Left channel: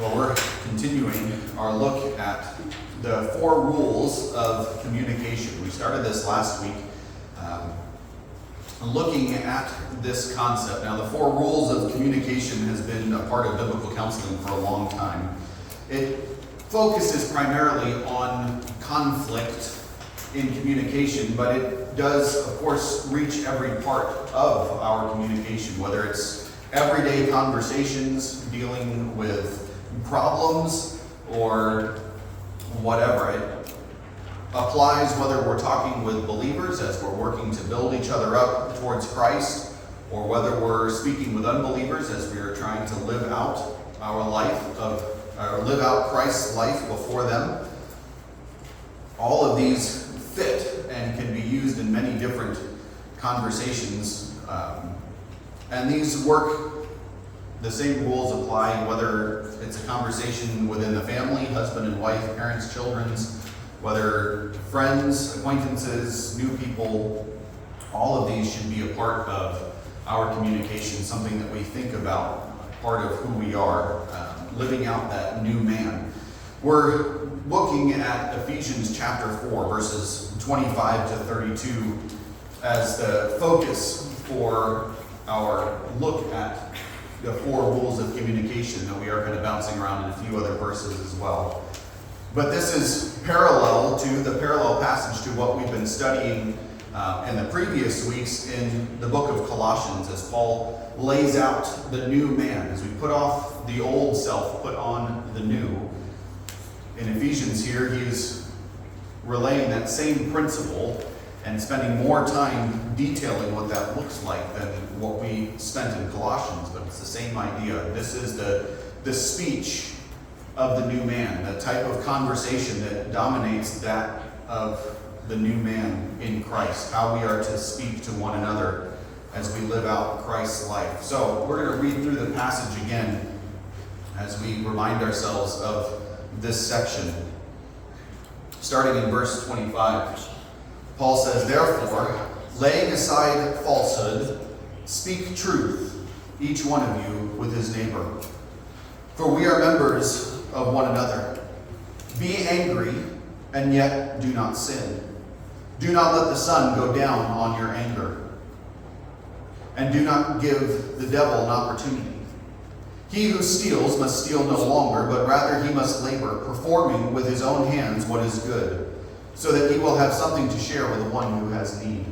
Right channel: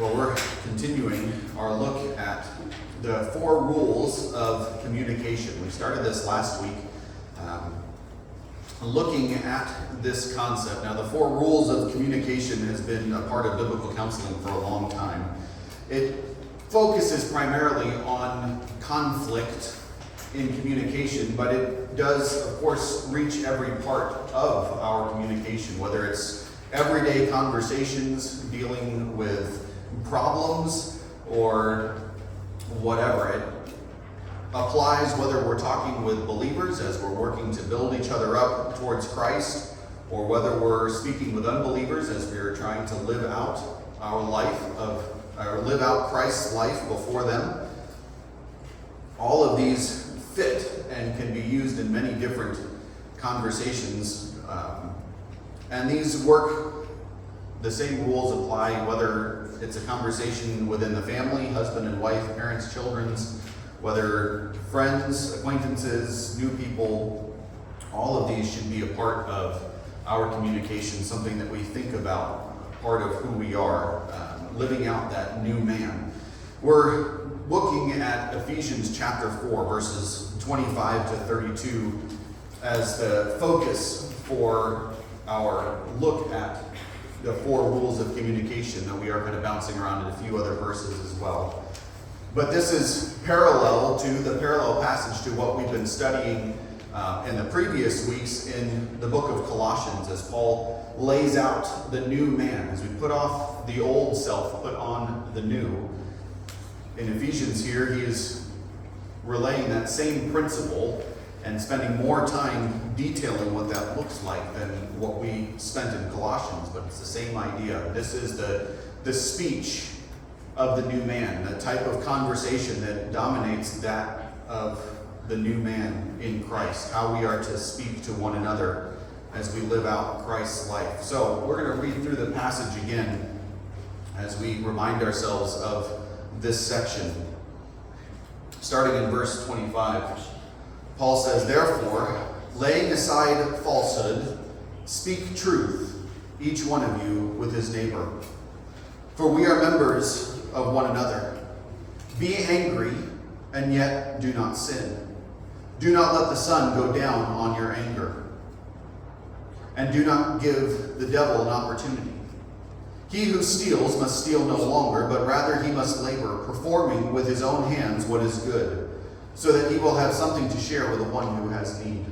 Well, we're continuing our look at the 4 rules of communication. We started this last week looking at this concept. Now, the 4 rules of communication has been a part of biblical counseling for a long time. It focuses primarily on conflict in communication, but it does, of course, reach every part of our communication, whether it's everyday conversations dealing with problems or whatever. It applies whether we're talking with believers as we're working to build each other up towards Christ, or whether we're speaking with unbelievers as we are trying to live out our life or live out Christ's life before them. All of these fit and can be used in many different conversations, and these work. The same rules apply whether it's a conversation within the family, husband and wife, parents, children, whether friends, acquaintances, new people. All of these should be a part of our communication, something that we think about, part of who we are, living out that new man. We're looking at Ephesians chapter 4, verses 25 to 32 as the focus for our look at the 4 rules of communication, that we are kind of bouncing around in a few other verses as well. But this is parallel to the parallel passage to what we've been studying in the previous weeks in the book of Colossians, as Paul lays out the new man. As we put off the old self, put on the new. In Ephesians here, he is relaying that same principle and spending more time detailing what that looks like than what we spent in Colossians, but it's the same idea. This is the speech of the new man, the type of conversation that dominates that of the new man in Christ, how we are to speak to one another as we live out Christ's life. So we're going to read through the passage again as we remind ourselves of this section. Starting in verse 25. Paul says, "Therefore, laying aside falsehood, speak truth, each one of you with his neighbor. For we are members of one another. Be angry, and yet do not sin. Do not let the sun go down on your anger. And do not give the devil an opportunity. He who steals must steal no longer, but rather he must labor, performing with his own hands what is good, so that he will have something to share with the one who has need.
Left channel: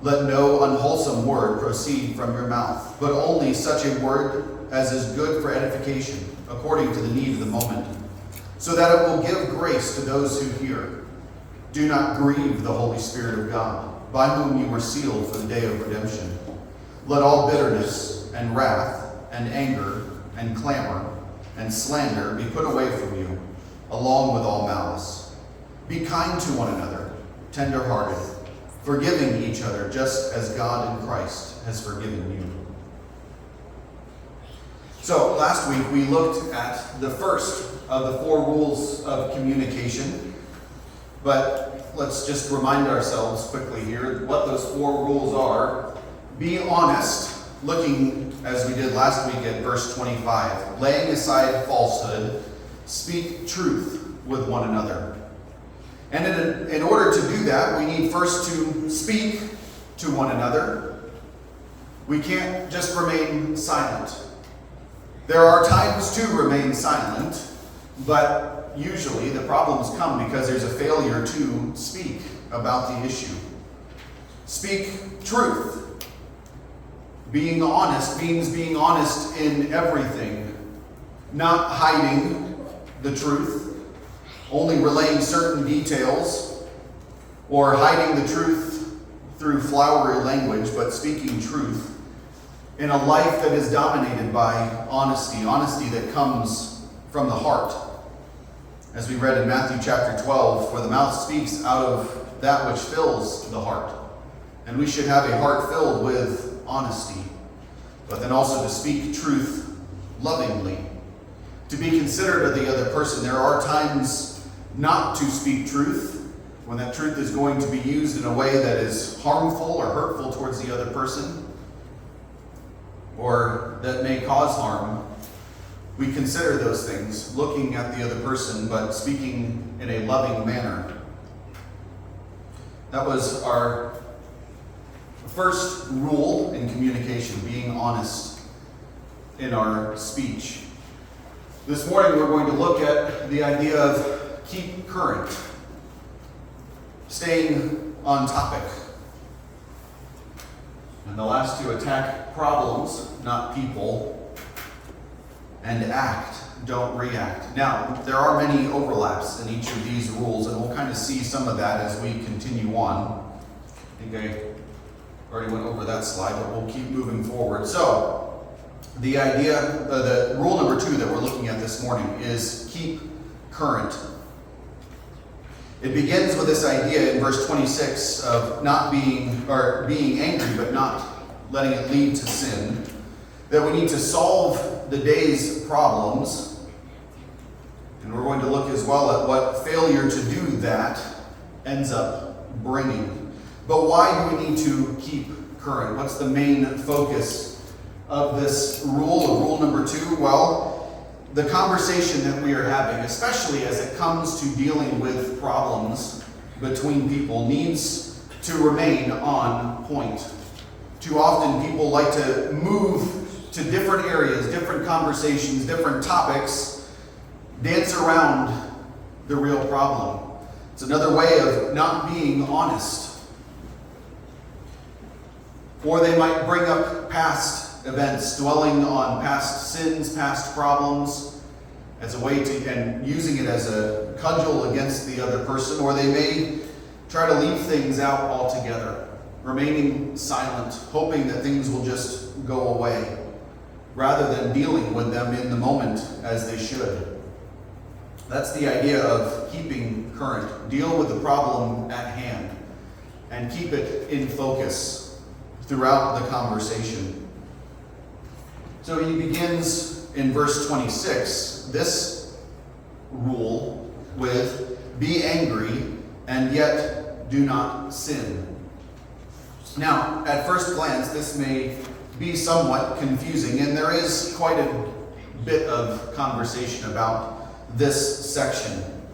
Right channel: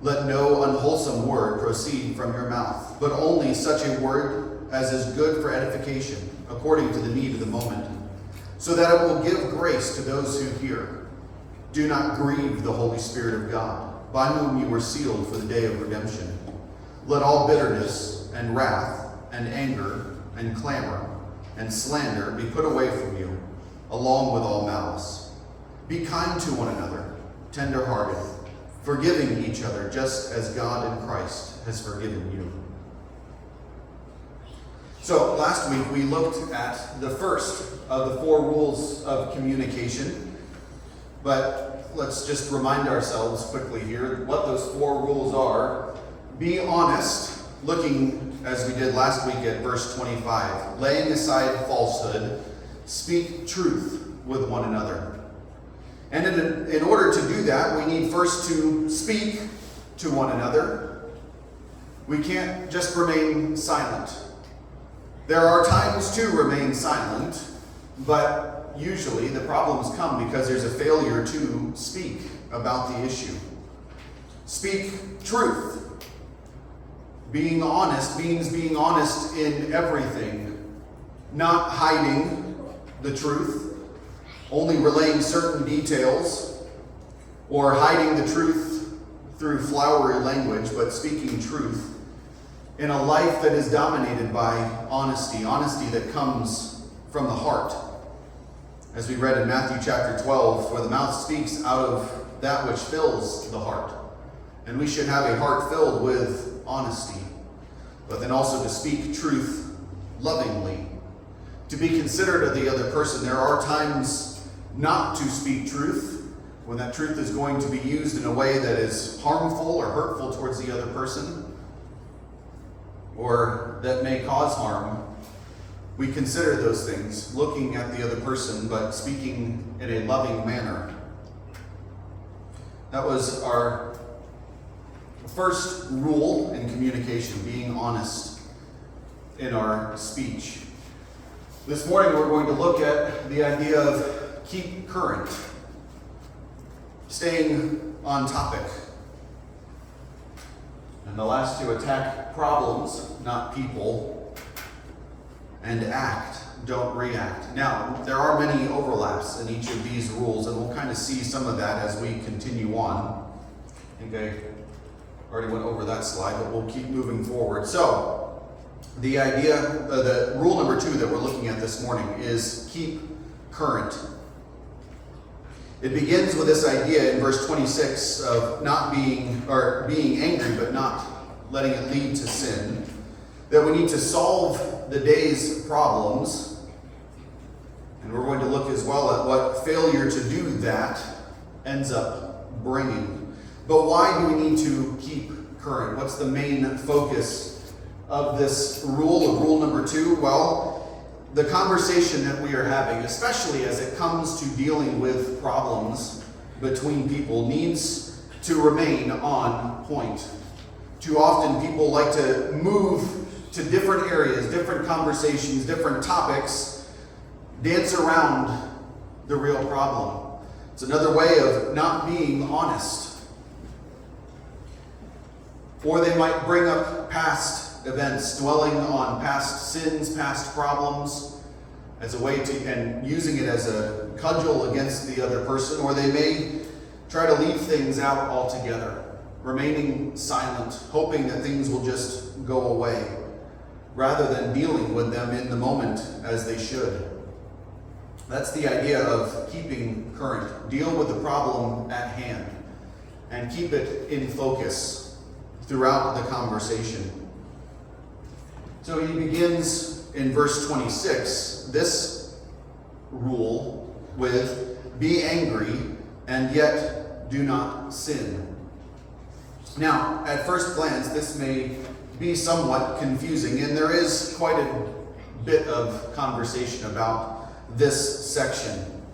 Let no unwholesome word proceed from your mouth, but only such a word as is good for edification, according to the need of the moment, so that it will give grace to those who hear. Do not grieve the Holy Spirit of God, by whom you were sealed for the day of redemption. Let all bitterness and wrath and anger and clamor and slander be put away from you, along with all malice. Be kind to one another, tender-hearted, forgiving each other, just as God in Christ has forgiven you." So last week we looked at the first of the 4 rules of communication, but let's just remind ourselves quickly here what those 4 rules are. Be honest, looking as we did last week at verse 25, laying aside falsehood, speak truth with one another. And in order to do that, we need first to speak to one another. We can't just remain silent. There are times to remain silent, but usually the problems come because there's a failure to speak about the issue. Speak truth. Being honest means being honest in everything, not hiding the truth, only relaying certain details, or hiding the truth through flowery language, but speaking truth in a life that is dominated by honesty that comes from the heart. As we read in Matthew chapter 12, for the mouth speaks out of that which fills the heart. And we should have a heart filled with honesty, but then also to speak truth lovingly, to be considerate of the other person. There are times not to speak truth, when that truth is going to be used in a way that is harmful or hurtful towards the other person, or that may cause harm. We consider those things, looking at the other person, but speaking in a loving manner. That was our first rule in communication, being honest in our speech. This morning we're going to look at the idea of keep current, staying on topic. And the last two, attack problems, not people, and act, don't react. Now, there are many overlaps in each of these rules, and we'll kind of see some of that as we continue on. I think I already went over that slide, but we'll keep moving forward. So, the idea, the rule number 2 that we're looking at this morning is keep current. It begins with this idea in verse 26 of being angry, but not letting it lead to sin. That we need to solve the day's problems. And we're going to look as well at what failure to do that ends up bringing. But why do we need to keep current? What's the main focus of this rule, of rule number 2? Well, the conversation that we are having, especially as it comes to dealing with problems between people, needs to remain on point. Too often people like to move to different areas, different conversations, different topics, dance around the real problem. It's another way of not being honest. Or they might bring up past events, dwelling on past sins, past problems, as a way to, and using it as a cudgel against the other person, or they may try to leave things out altogether, remaining silent, hoping that things will just go away, rather than dealing with them in the moment as they should. That's the idea of keeping current. Deal with the problem at hand and keep it in focus throughout the conversation. So he begins in verse 26, this rule, with be angry and yet do not sin. Now, at first glance, this may be somewhat confusing, and there is quite a bit of conversation about this section,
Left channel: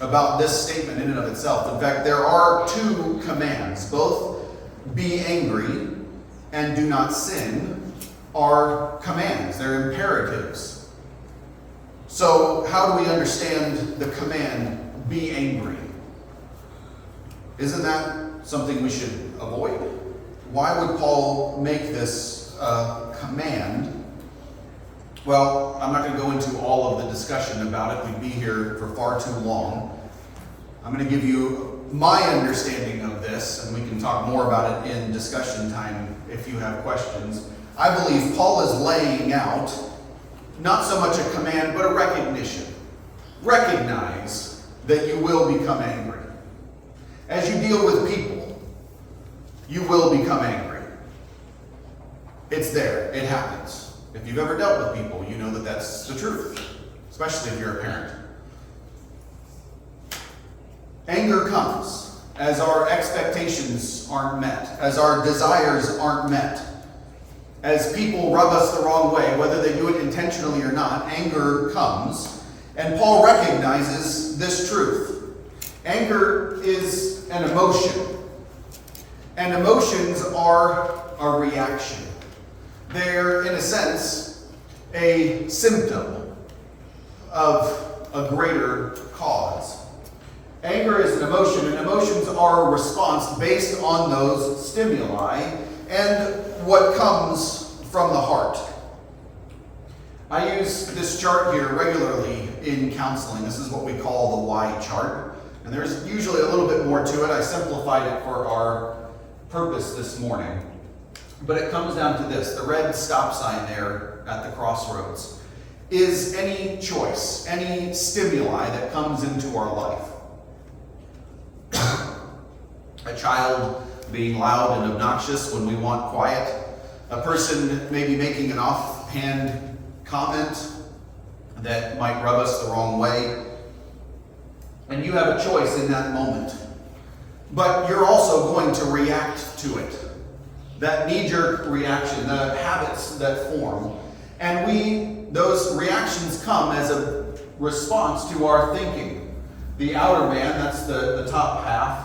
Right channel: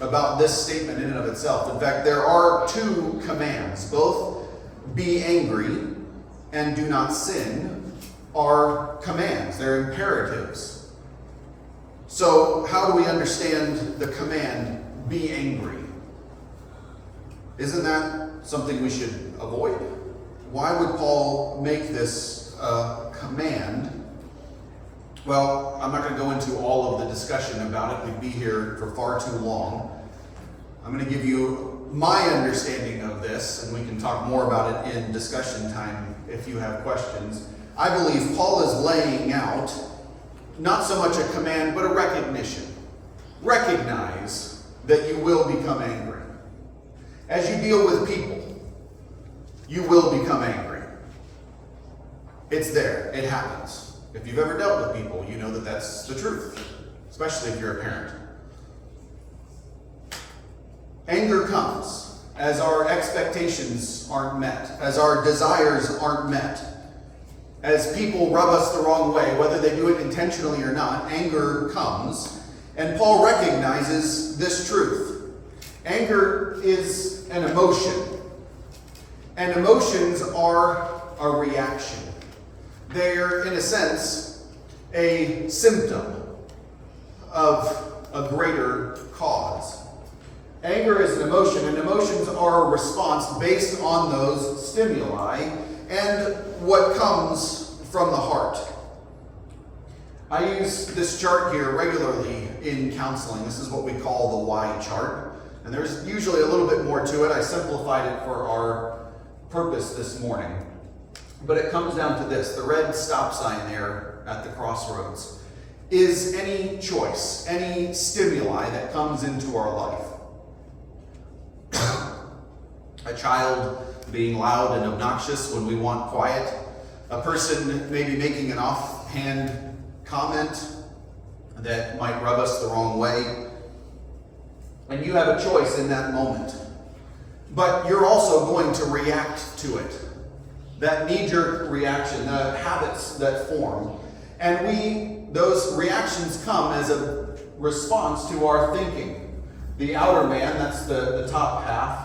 about this statement in and of itself. In fact, there are 2 commands, both be angry and do not sin are commands, they're imperatives. So how do we understand the command, be angry? Isn't that something we should avoid? Why would Paul make this command? Well, I'm not going to go into all of the discussion about it. We'd be here for far too long. I'm going to give you my understanding of this, and we can talk more about it in discussion time if you have questions. I believe Paul is laying out not so much a command, but a recognition. Recognize that you will become angry. As you deal with people, you will become angry. It's there. It happens. If you've ever dealt with people, you know that that's the truth, especially if you're a parent. Anger comes as our expectations aren't met, as our desires aren't met, as people rub us the wrong way, whether they do it intentionally or not. Anger comes, and Paul recognizes this truth. Anger is an emotion, and emotions are a reaction. They're, in a sense, a symptom of a greater cause. Anger is an emotion, and emotions are a response based on those stimuli and what comes from the heart. I use this chart here regularly in counseling. This is what we call the Y chart. And there's usually a little bit more to it. I simplified it for our purpose this morning. But it comes down to this. The red stop sign there at the crossroads is any choice, any stimuli that comes into our life. A child being loud and obnoxious when we want quiet. A person maybe making an offhand comment that might rub us the wrong way. And you have a choice in that moment. But you're also going to react to it. That knee-jerk reaction, the habits that form. And we those reactions come as a response to our thinking. The outer man, that's the top half,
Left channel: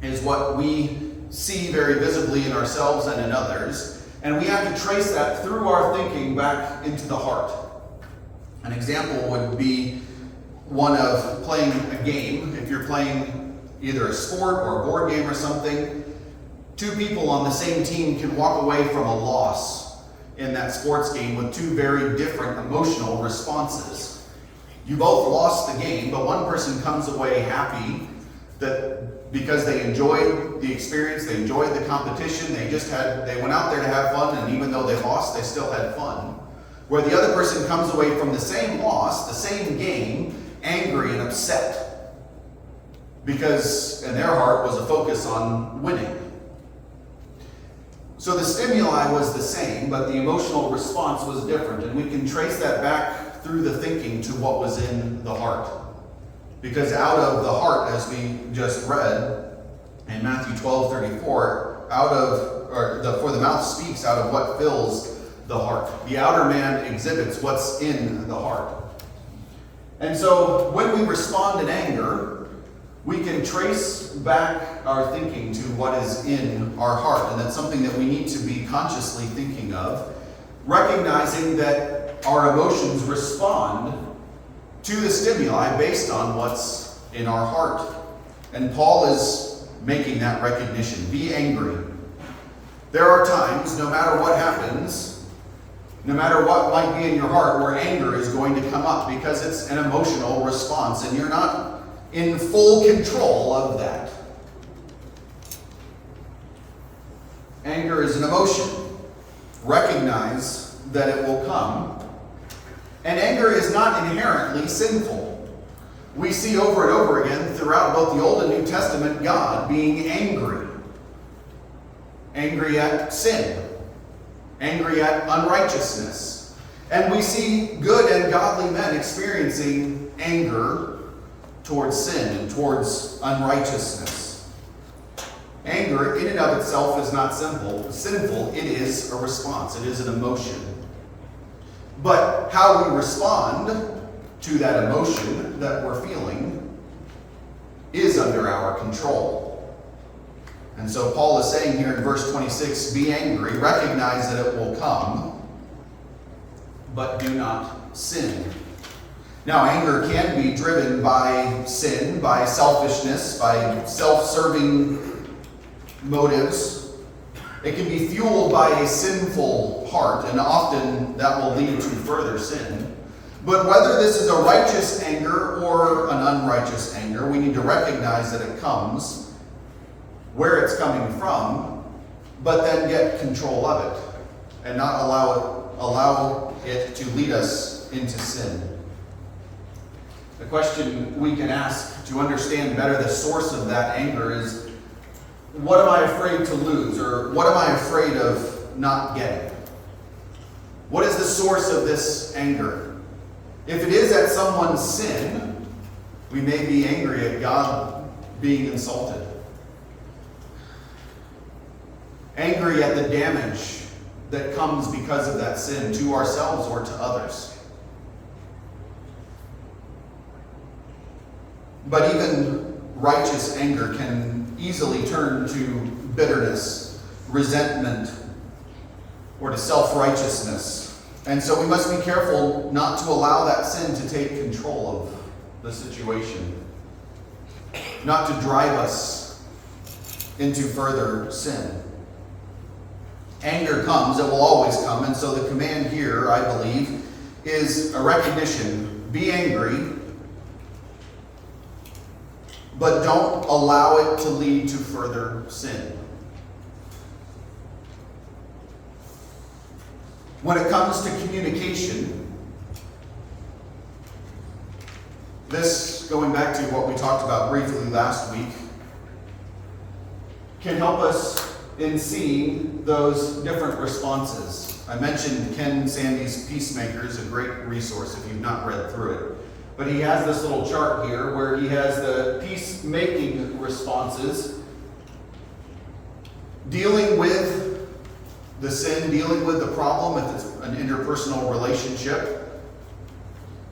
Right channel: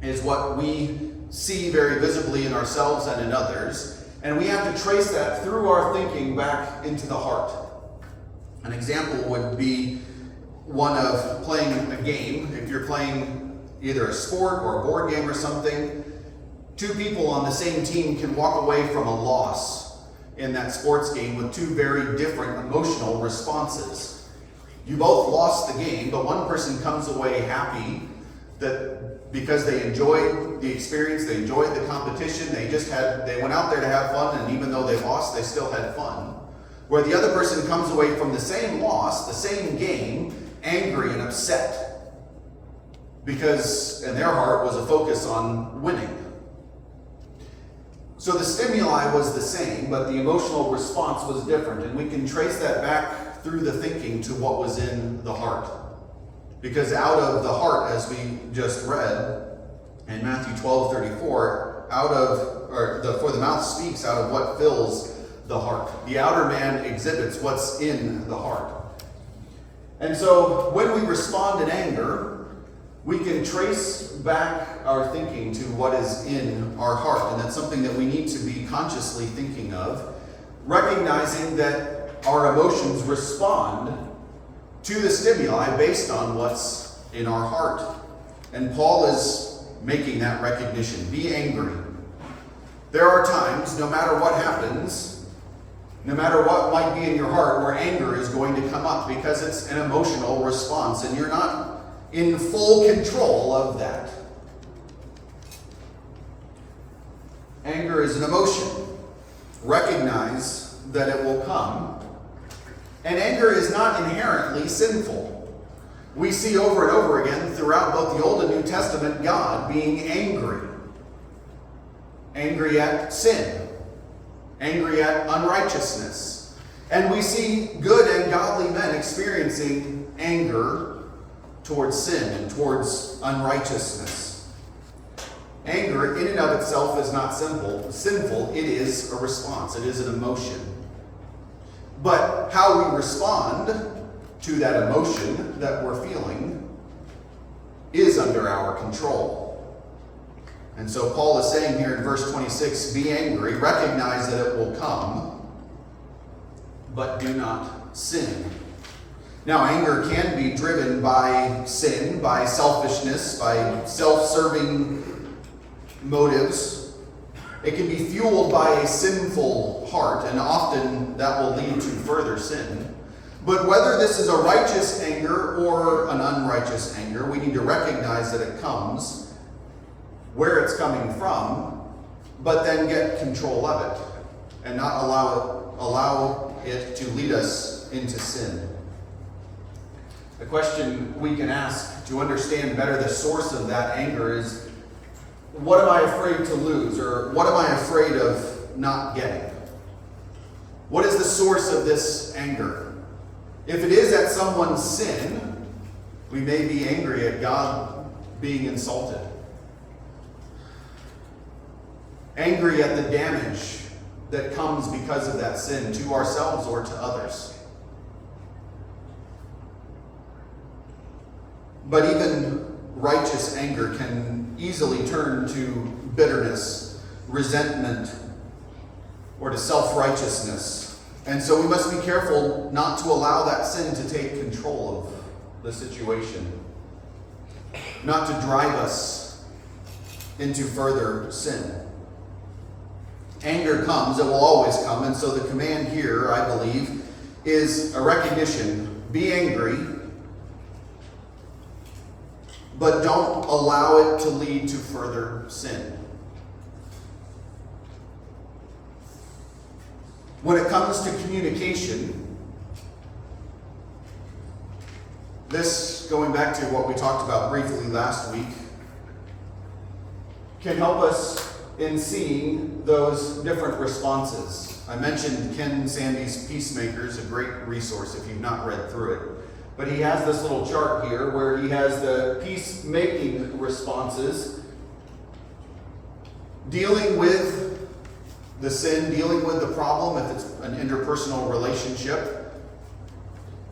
is what we see very visibly in ourselves and in others. And we have to trace that through our thinking back into the heart. An example would be one of playing a game. If you're playing either a sport or a board game or something, two people on the same team can walk away from a loss in that sports game with two very different emotional responses. You both lost the game, but one person comes away happy that because they enjoyed the experience, they enjoyed the competition, they went out there to have fun, and even though they lost, they still had fun. Where the other person comes away from the same loss, the same game, angry and upset, because in their heart was a focus on winning. So the stimuli was the same, but the emotional response was different, and we can trace that back through the thinking to what was in the heart. Because out of the heart, as we just read in Matthew 12:34, for the mouth speaks out of what fills the heart. The outer man exhibits what's in the heart. And so when we respond in anger, we can trace back our thinking to what is in our heart. And that's something that we need to be consciously thinking of, recognizing that our emotions respond to the stimuli based on what's in our heart. And Paul is making that recognition. Be angry. There are times, no matter what happens, no matter what might be in your heart, where anger is going to come up because it's an emotional response and you're not in full control of that. Anger is an emotion. Recognize that it will come. And anger is not inherently sinful. We see over and over again throughout both the Old and New Testament God being angry. Angry at sin. Angry at unrighteousness. And we see good and godly men experiencing anger towards sin and towards unrighteousness. Anger in and of itself is not sinful. It is a response. It is an emotion. But how we respond to that emotion that we're feeling is under our control. And so Paul is saying here in verse 26, be angry, recognize that it will come, but do not sin. Now, anger can be driven by sin, by selfishness, by self-serving motives. It can be fueled by a sinful heart, and often that will lead to further sin. But whether this is a righteous anger or an unrighteous anger, we need to recognize that it comes, where it's coming from, but then get control of it and not allow it to lead us into sin. The question we can ask to understand better the source of that anger is, what am I afraid to lose, or what am I afraid of not getting? What is the source of this anger? If it is at someone's sin, we may be angry at God being insulted. Angry at the damage that comes because of that sin to ourselves or to others. But even righteous anger can easily turn to bitterness, resentment, or to self-righteousness. And so we must be careful not to allow that sin to take control of the situation, not to drive us into further sin. Anger comes, it will always come, and so the command here, I believe, is a recognition. Be angry, but don't allow it to lead to further sin. When it comes to communication, this, going back to what we talked about briefly last week, can help us in seeing those different responses. I mentioned Ken Sande's Peacemakers, a great resource if you've not read through it. But he has this little chart here where he has the peacemaking responses dealing with the sin, dealing with the problem if it's an interpersonal relationship,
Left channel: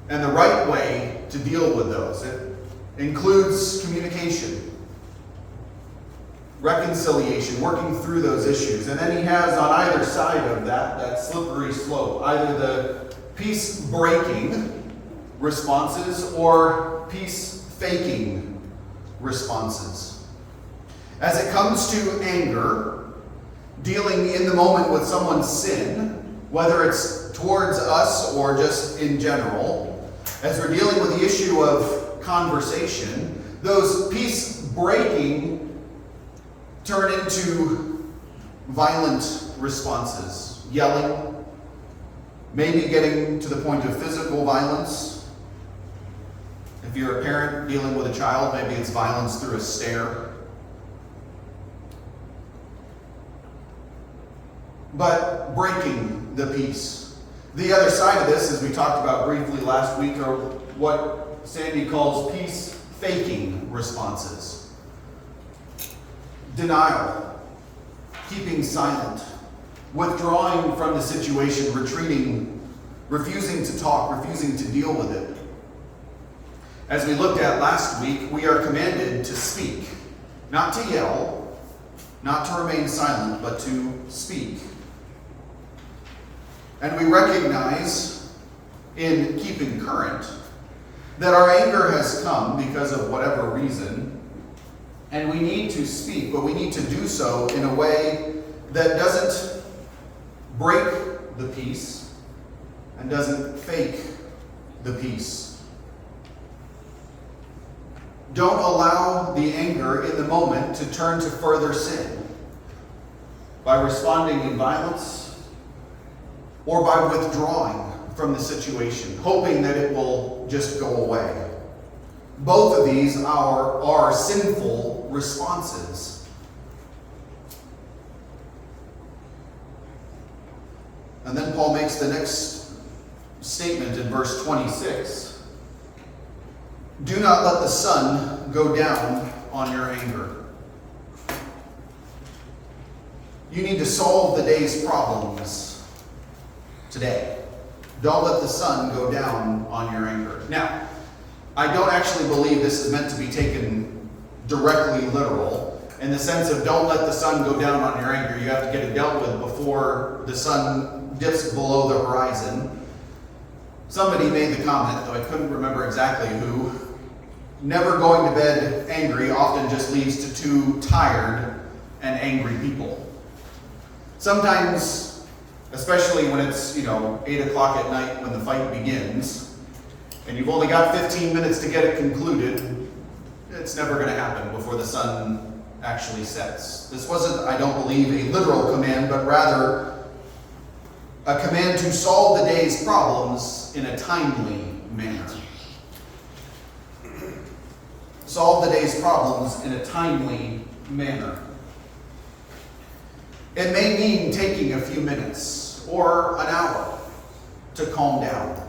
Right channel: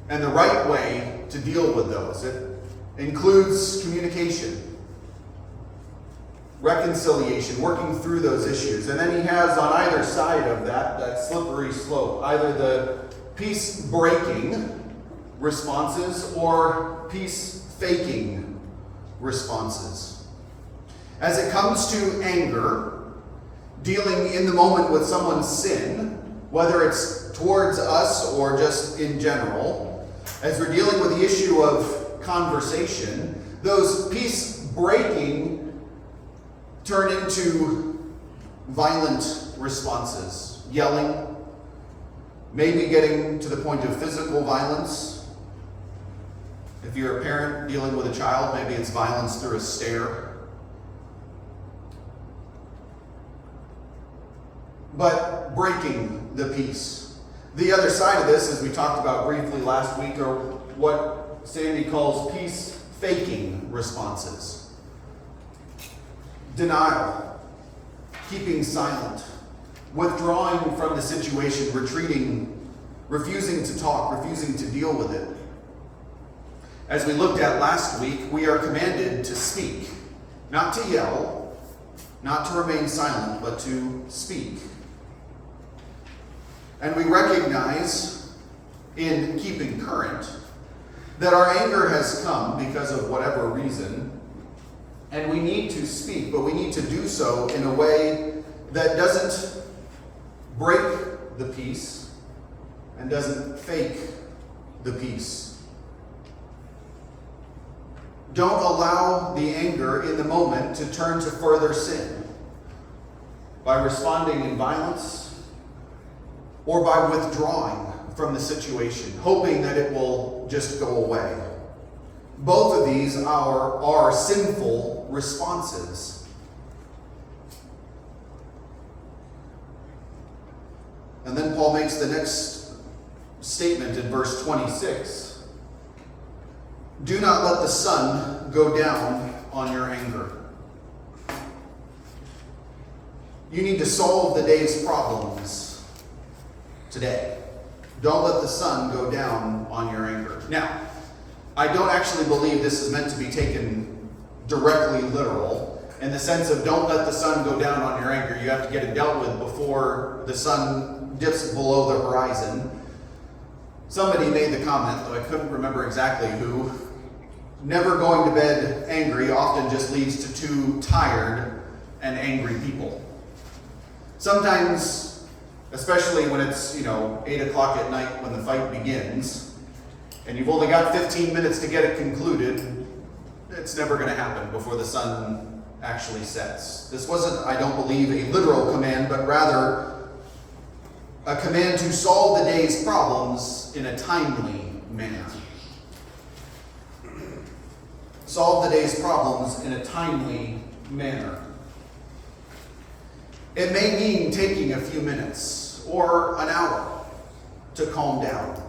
and the right way to deal with those. It includes communication, reconciliation, working through those issues. And then he has on either side of that slippery slope, either the peace-breaking responses or peace-faking responses. As it comes to anger, dealing in the moment with someone's sin, whether it's towards us or just in general, as we're dealing with the issue of conversation, those peace-breaking turn into violent responses, yelling, maybe getting to the point of physical violence. If you're a parent dealing with a child, maybe it's violence through a stare. But breaking the peace. The other side of this, as we talked about briefly last week, are what Sandy calls peace-faking responses. Denial, keeping silent, withdrawing from the situation, retreating, refusing to talk, refusing to deal with it. As we looked at last week, we are commanded to speak, not to yell, not to remain silent, but to speak. And we recognize in keeping current that our anger has come because of whatever reason, and we need to speak, but we need to do so in a way that doesn't break the peace and doesn't fake the peace. Don't allow the anger in the moment to turn to further sin by responding in violence or by withdrawing from the situation, hoping that it will just go away. Both of these are sinful responses. And then Paul makes the next statement in verse 26. Do not let the sun go down on your anger. You need to solve the day's problems today. Don't let the sun go down on your anger. Now, I don't actually believe this is meant to be taken directly literal, in the sense of don't let the sun go down on your anger. You have to get it dealt with before the sun dips below the horizon. Somebody made the comment, though I couldn't remember exactly who, never going to bed angry often just leads to two tired and angry people. Sometimes, especially when it's, 8 o'clock at night when the fight begins, and you've only got 15 minutes to get it concluded, it's never going to happen before the sun actually sets. This wasn't, I don't believe, a literal command, but rather a command to solve the day's problems in a timely manner. Solve the day's problems in a timely manner. It may mean taking a few minutes or an hour to calm down,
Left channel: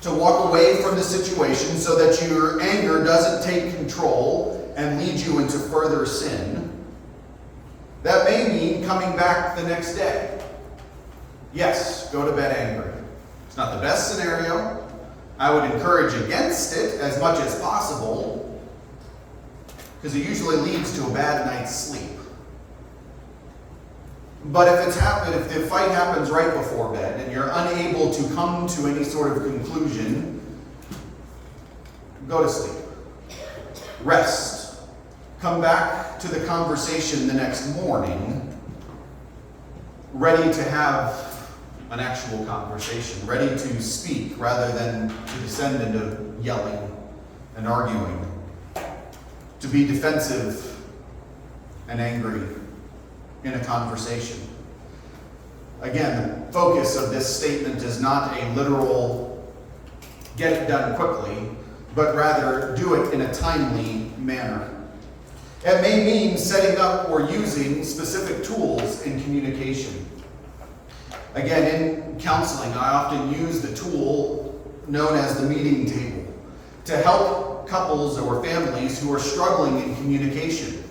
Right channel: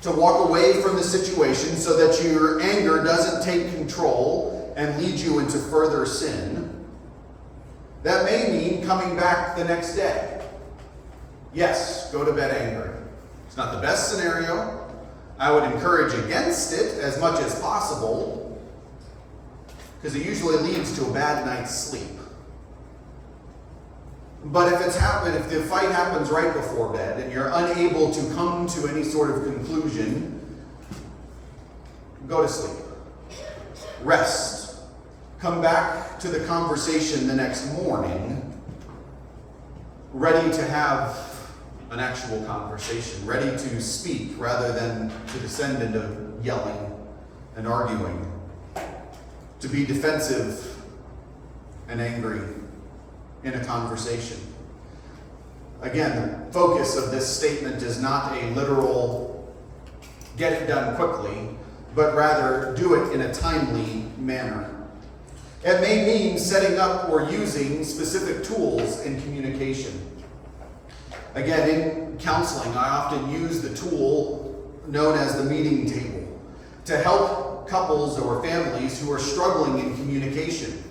to walk away from the situation so that your anger doesn't take control and lead you into further sin. That may mean coming back the next day. Yes, go to bed angry. It's not the best scenario. I would encourage against it as much as possible, because it usually leads to a bad night's sleep. But if the fight happens right before bed and you're unable to come to any sort of conclusion, go to sleep. Rest. Come back to the conversation the next morning, ready to have an actual conversation, ready to speak rather than to descend into yelling and arguing, to be defensive and angry in a conversation. Again, the focus of this statement is not a literal get it done quickly, but rather do it in a timely manner. It may mean setting up or using specific tools in communication. Again, in counseling, I often use the tool known as the meeting table to help couples or families who are struggling in communication.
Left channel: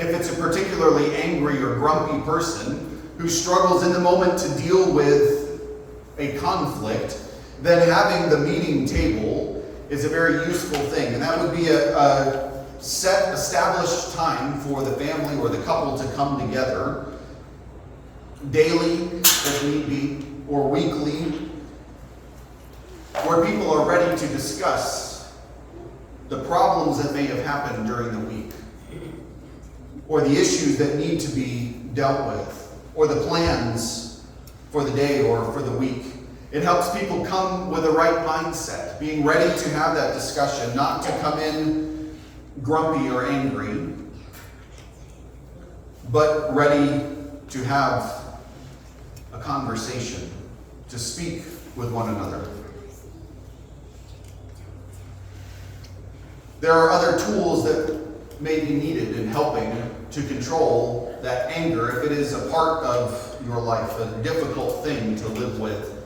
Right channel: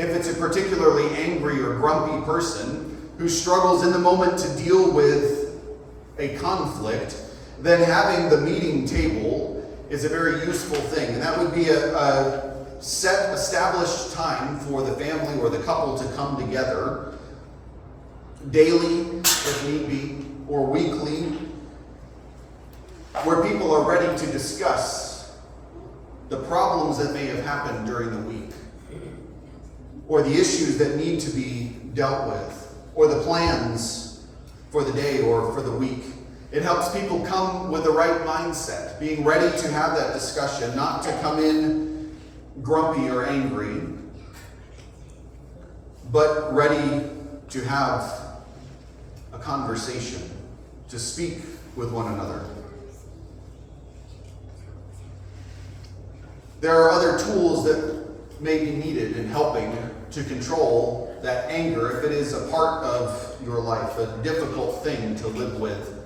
if it's a particularly angry or grumpy person who struggles in the moment to deal with a conflict, then having the meeting table is a very useful thing. And that would be a set, established time for the family or the couple to come together daily, if need be, or weekly, where people are ready to discuss the problems that may have happened during the week, or the issues that need to be dealt with, or the plans for the day or for the week. It helps people come with the right mindset, being ready to have that discussion, not to come in grumpy or angry, but ready to have a conversation, to speak with one another. There are other tools that may be needed in helping to control that anger if it is a part of your life, a difficult thing to live with.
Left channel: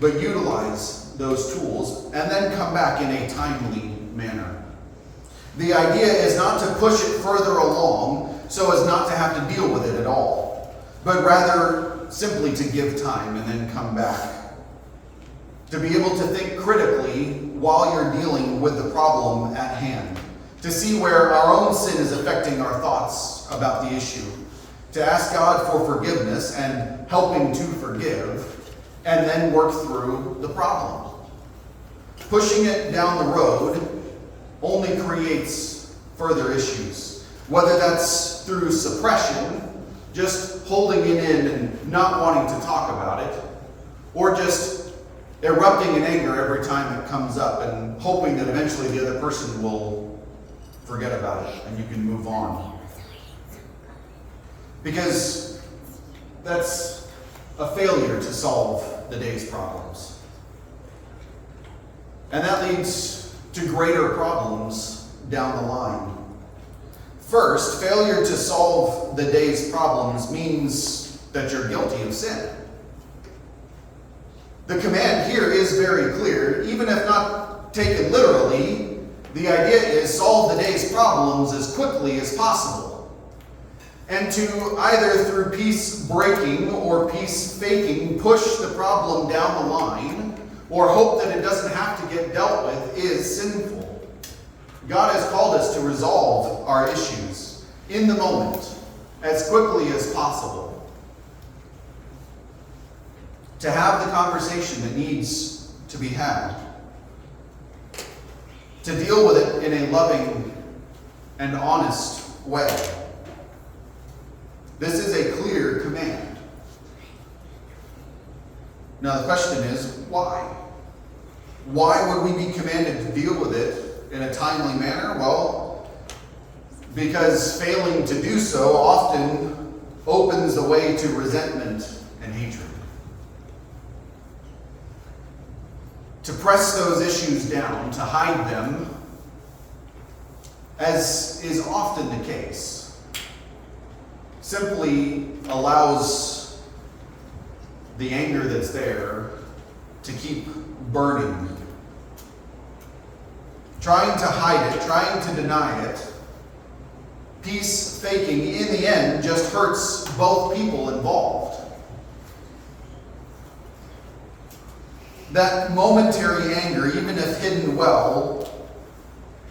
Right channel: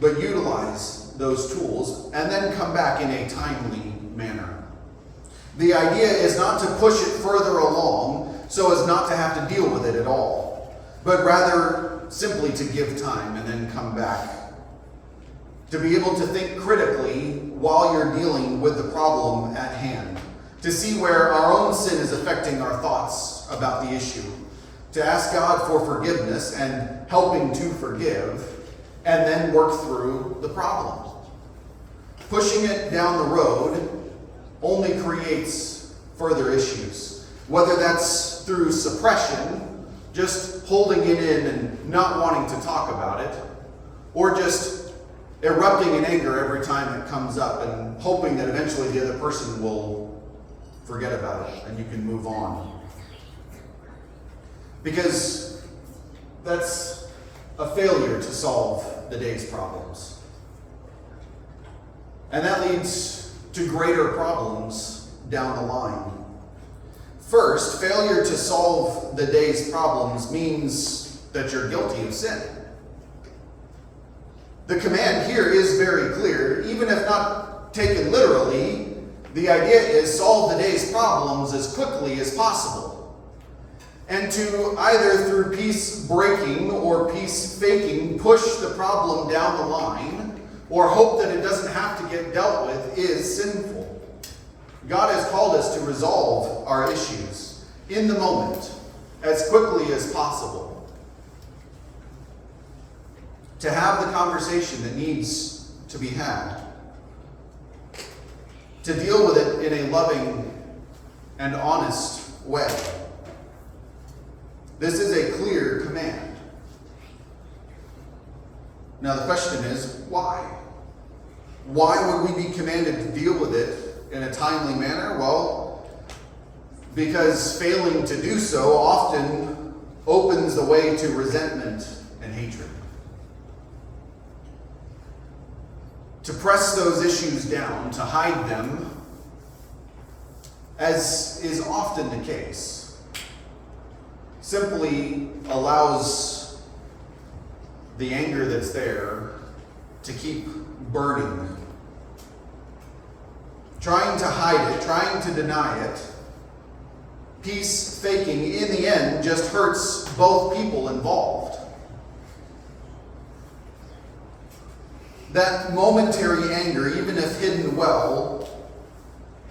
But utilize those tools and then come back in a timely manner. The idea is not to push it further along so as not to have to deal with it at all, but rather simply to give time and then come back. To be able to think critically while you're dealing with the problem at hand. To see where our own sin is affecting our thoughts about the issue. To ask God for forgiveness and helping to forgive, and then work through the problem. Pushing it down the road only creates further issues. Whether that's through suppression, just holding it in and not wanting to talk about it, or just erupting in anger every time it comes up and hoping that eventually the other person will forget about it and you can move on. Because that's a failure to solve the day's problems. And that leads to greater problems down the line. First, failure to solve the day's problems means that you're guilty of sin. The command here is very clear, even if not taken literally. The idea is solve the day's problems as quickly as possible. And to either through peace breaking or peace faking push the problem down the line or hope that it doesn't have to get dealt with is sinful. God has called us to resolve our issues in the moment as quickly as possible. To have the conversation that needs to be had. To deal with it in a loving and honest way. This is a clear command. Now the question is, why? Why would we be commanded to deal with it in a timely manner? Well, because failing to do so often opens the way to resentment and hatred. To press those issues down, to hide them, as is often the case, simply allows the anger that's there to keep burning. Trying to hide it, trying to deny it, peace faking, in the end, just hurts both people involved. That momentary anger, even if hidden well,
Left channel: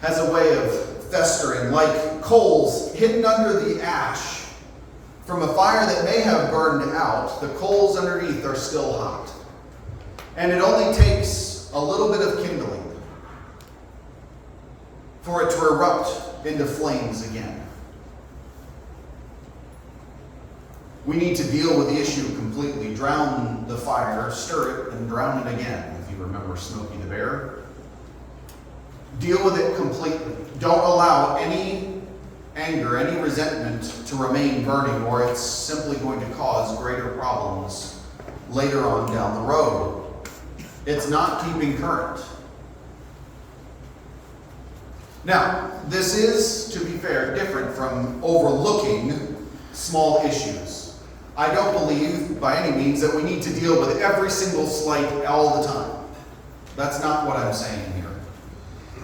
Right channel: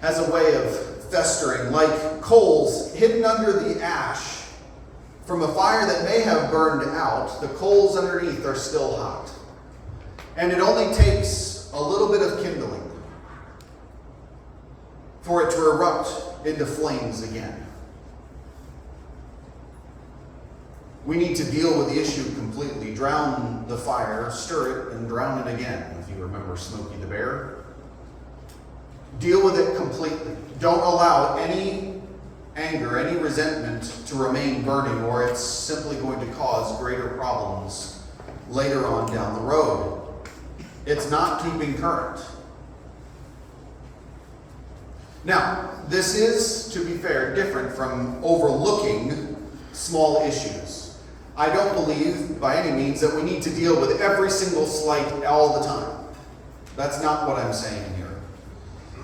has a way of festering, like coals hidden under the ash. From a fire that may have burned out, the coals underneath are still hot. And it only takes a little bit of kindling for it to erupt into flames again. We need to deal with the issue completely. Drown the fire, stir it, and drown it again, if you remember Smokey the Bear. Deal with it completely. Don't allow any anger, any resentment to remain burning, or it's simply going to cause greater problems later on down the road. It's not keeping current. Now, this is, to be fair, different from overlooking small issues. I don't believe by any means that we need to deal with every single slight all the time. That's not what I'm saying here.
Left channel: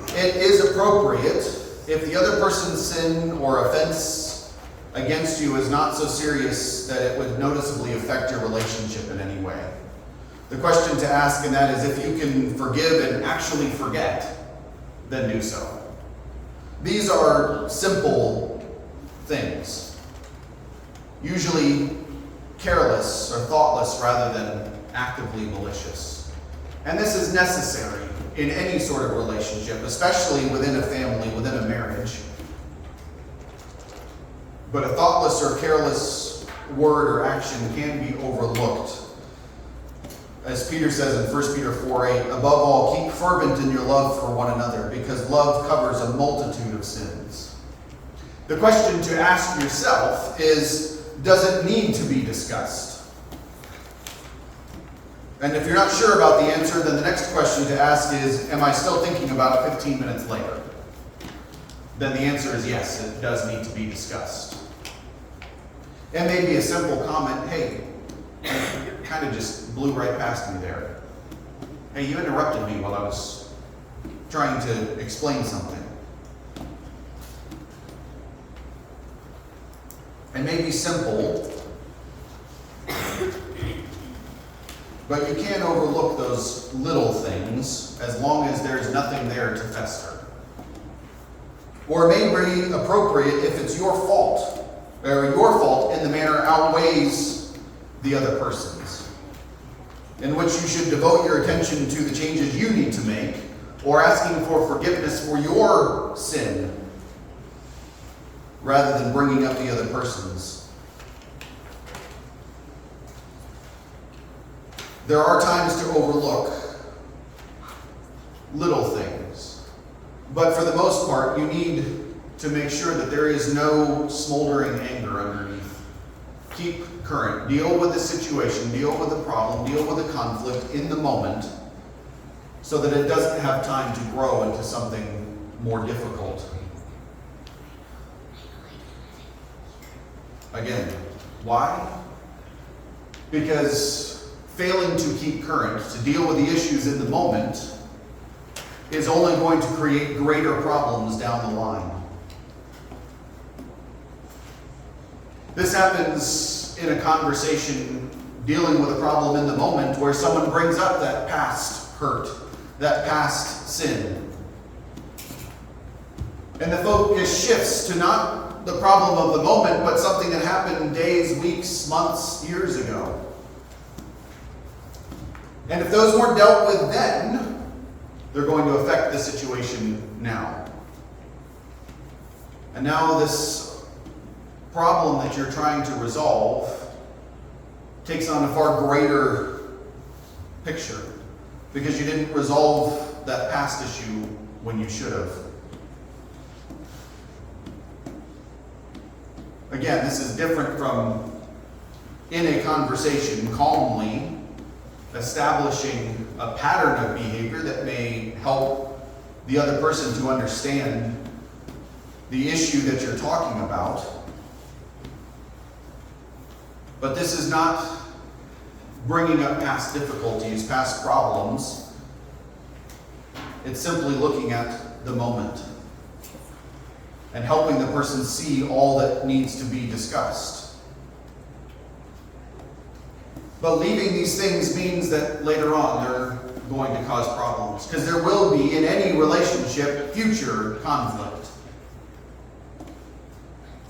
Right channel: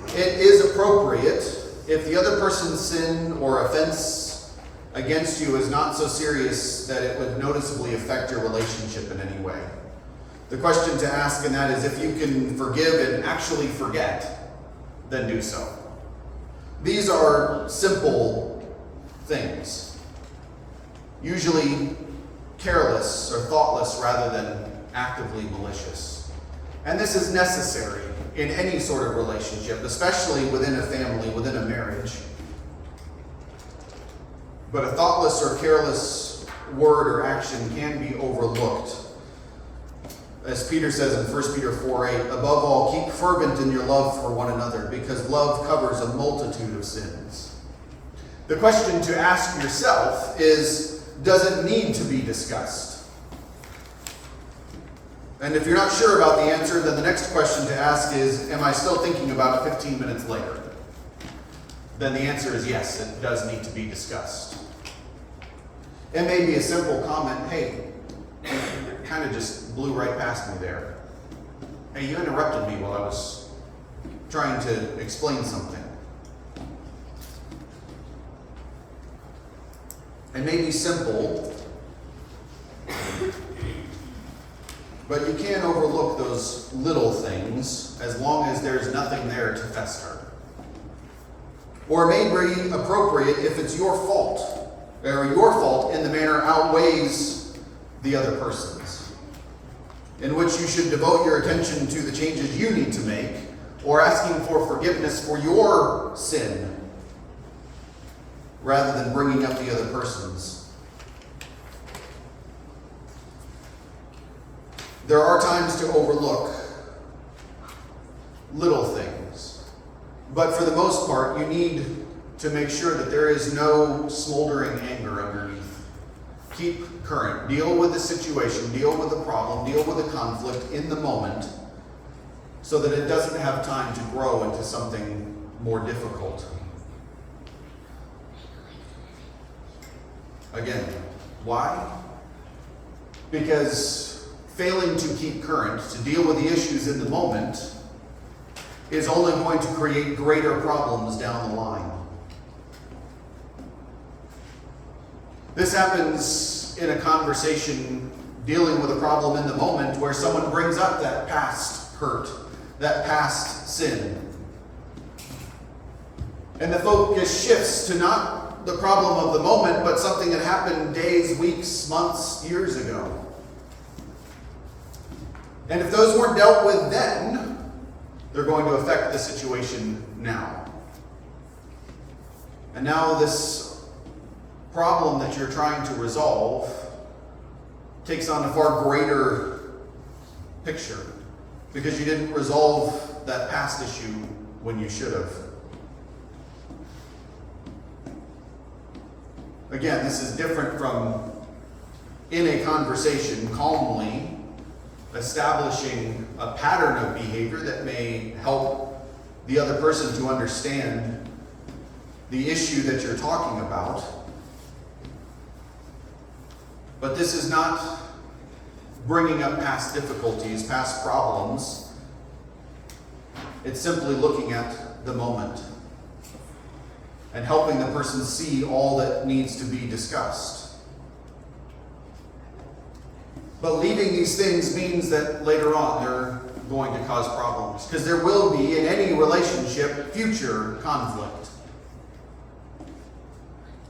It is appropriate if the other person's sin or offense against you is not so serious that it would noticeably affect your relationship in any way. The question to ask in that is, if you can forgive and actually forget, then do so. These are simple things, usually careless or thoughtless rather than actively malicious. And this is necessary in any sort of relationship, especially within a family, within a marriage. But a thoughtless or careless word or action can be overlooked. As Peter says in 1 Peter 4:8, above all, keep fervent in your love for one another, because love covers a multitude of sins. The question to ask yourself is, does it need to be discussed? And if you're not sure about the answer, then the next question to ask is, am I still thinking about it 15 minutes later? Then the answer is yes, it does need to be discussed. It may be a simple comment, hey, kind of just blew right past me there. Hey, you interrupted me while I was trying to explain something. It may be simple, but you can't overlook those little things as long as there's nothing there to fester. Or it may be appropriate if it's your fault, or your fault in the manner outweighs the other person's, in which you should devote your attention to the changes you need to make, or asking for forgiveness for your sin, rather than bringing up the other person's. There are times to overlook little things, but for the most part, you need to make sure that there is no smoldering anger underneath. Keep current. Deal with the situation, deal with the problem, deal with the conflict in the moment, so that it doesn't have time to grow into something more difficult. Again, why? Because failing to keep current, to deal with the issues in the moment, is only going to create greater problems down the line. This happens in a conversation dealing with a problem in the moment where someone brings up that past hurt, that past sin. And the focus shifts to not the problem of the moment, but something that happened days, weeks, months, years ago. And if those weren't dealt with then, they're going to affect the situation now. And now this problem that you're trying to resolve takes on a far greater picture because you didn't resolve that past issue when you should have. Again, this is different from in a conversation calmly establishing a pattern of behavior that may help the other person to understand the issue that you're talking about. But this is not bringing up past difficulties, past problems. It's simply looking at the moment and helping the person see all that needs to be discussed. But leaving these things means that later on they're going to cause problems, because there will be, in any relationship, future conflict.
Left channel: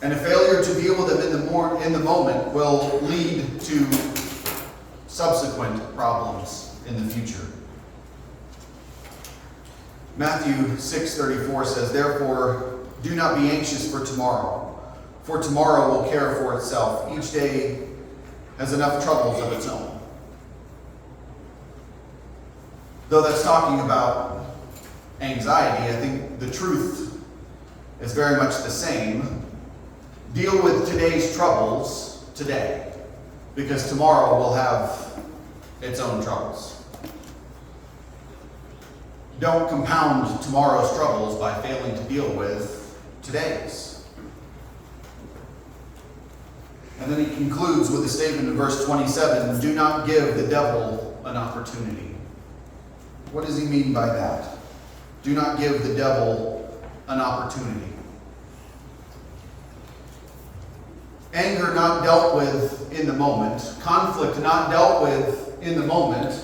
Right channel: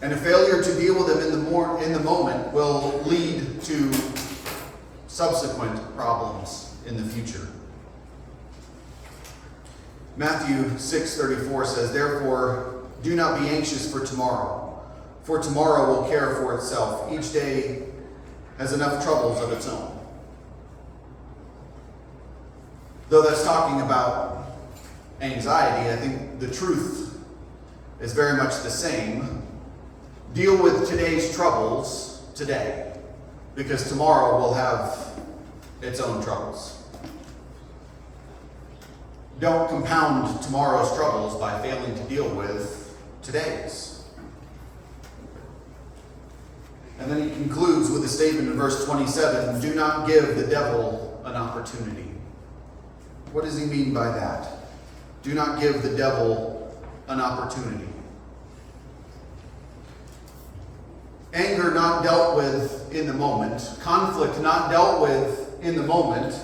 And a failure to deal with them in the moment will lead to subsequent problems in the future. Matthew 6:34 says, "Therefore, do not be anxious for tomorrow will care for itself. Each day has enough troubles of its own." Though that's talking about anxiety, I think the truth is very much the same. Deal with today's troubles today, because tomorrow will have its own troubles. Don't compound tomorrow's troubles by failing to deal with today's. And then he concludes with a statement in verse 27, "Do not give the devil an opportunity." What does he mean by that? Do not give the devil an opportunity. Anger not dealt with in the moment, conflict not dealt with in the moment,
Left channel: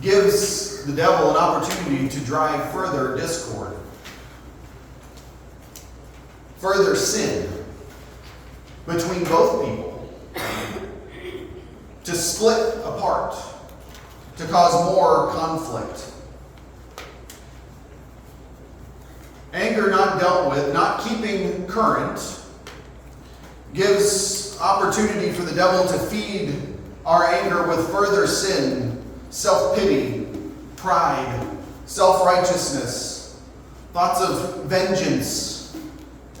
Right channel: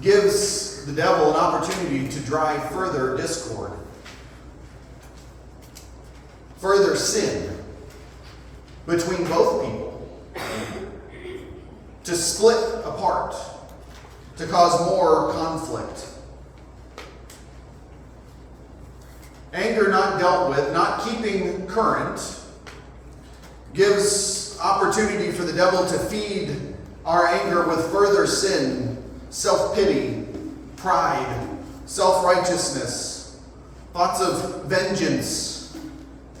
gives the devil an opportunity to drive further discord, further sin between both people, to split apart, to cause more conflict. Anger not dealt with, not keeping current, gives opportunity for the devil to feed our anger with further sin, self-pity, pride, self-righteousness, thoughts of vengeance,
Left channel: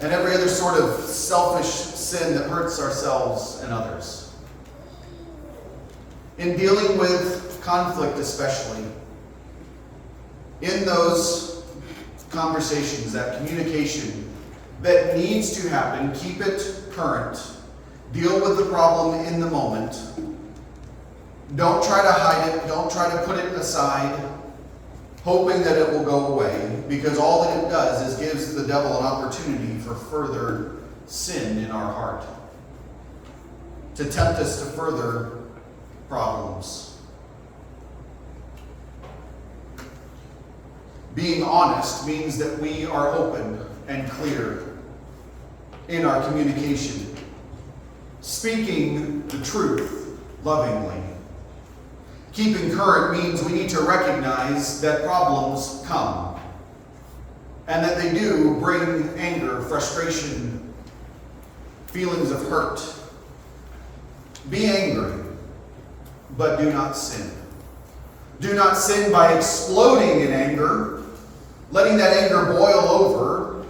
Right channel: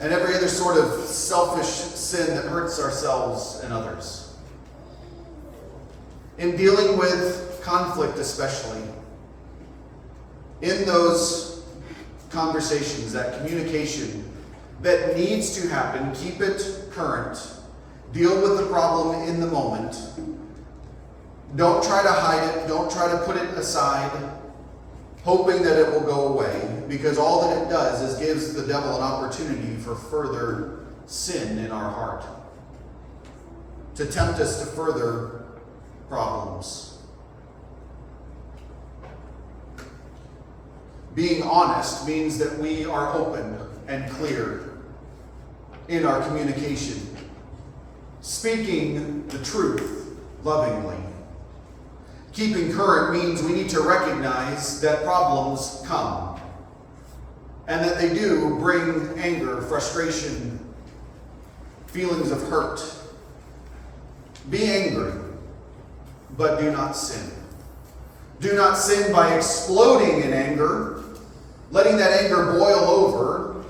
and every other sort of selfish sin that hurts ourselves and others. In dealing with conflict especially, in those conversations, that communication that needs to happen, keep it current. Deal with the problem in the moment. Don't try to hide it. Don't try to put it aside, hoping that it will go away, because all that it does is gives the devil an opportunity for further sin in our heart, to tempt us to further problems. Being honest means that we are open and clear in our communication, speaking the truth lovingly. Keeping current means we need to recognize that problems come and that they do bring anger, frustration, feelings of hurt. Be angry, but do not sin. Do not sin by exploding in anger, letting that anger boil over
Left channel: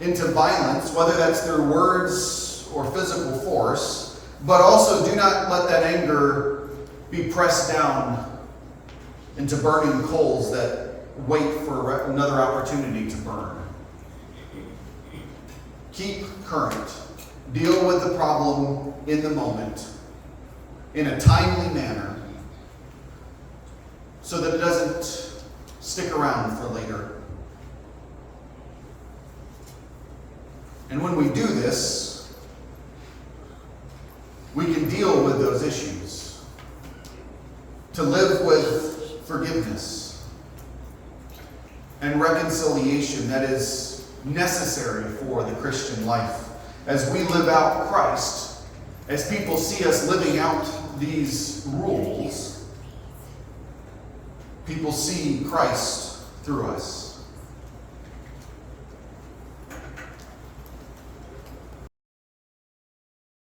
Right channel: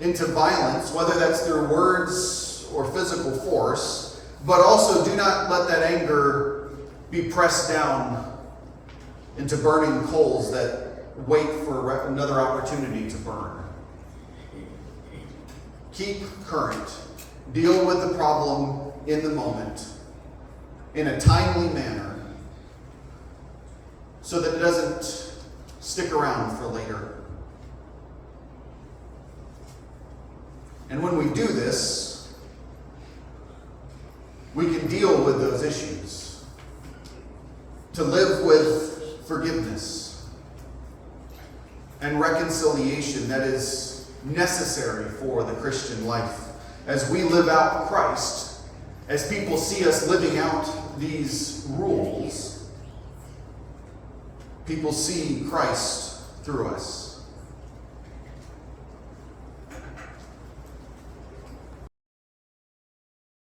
into violence, whether that's through words or physical force, but also do not let that anger be pressed down into burning coals that wait for another opportunity to burn. Keep current. Deal with the problem in the moment in a timely manner so that it doesn't stick around for later. And when we do this, we can deal with those issues, to live with forgiveness and reconciliation that is necessary for the Christian life. As we live out Christ, as people see us living out these rules, people see Christ through us.